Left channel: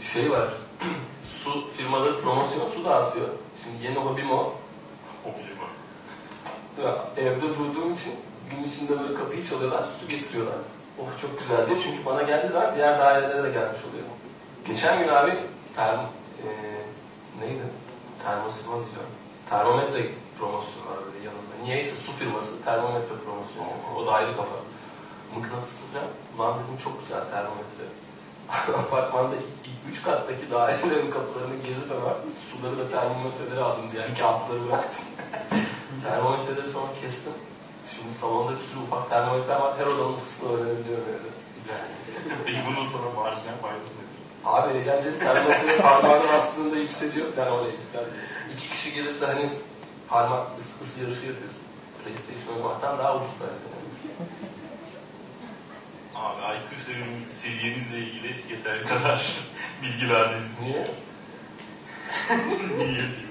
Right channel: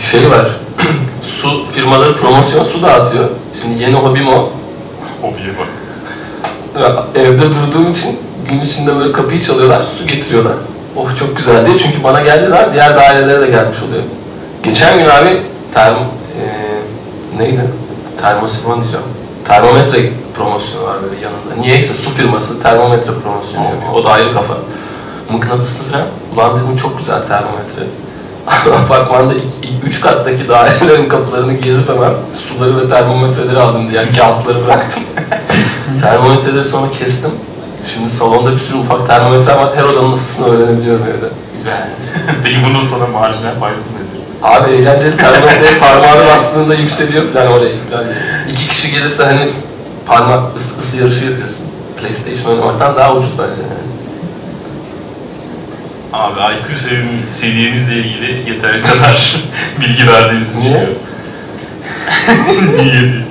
şey var. su firmaları promosyon su dağıtıyor. Şimdi yeni hobim o. Hobiye bak. Ya, Evde durduğum için gün içinde böyle kapıyı çalıyorlar, su getiriyorlar. Oh çok güzel diye çünkü bana geldiği zaman diğer dairelere de gelmiş oluyor. Geçen gün abi term, e, neydi? Termosifon diyeceğim. Termometre promosyonu var böyle yanında. Niyeyse su firması termometre promosyonu yapıyor. O da ayrı kafa. Mıknatıslı falan. Ulan dedim çok güzel termometre. Apartmanda ilk, ilk üç kattaki dairelerin kapılarını gezip hemen suları ve termometreleri aldım diye kağıtları bıraktım. termometreleri sonra kestim. Şimdi salonda bir sürü ufak termometre var. Her odanın ısısını öğrenebiliyorum evde. Güzel. Peki bunun sana marjinal faydası nedir? Abi eğlenceli termometreye parmağını bastığında yükseliyor falan oraya falan. İki kişi gelirse hani parmak ısı, ısı yarışı yapıyorsun. PlayStation oynamaktan daha ucuz bence. yani. Abi IQ sevim- seviyemizle ilgili yeteri kadar bilgi verdiğimizi Niye? düşünüyorum. Niye?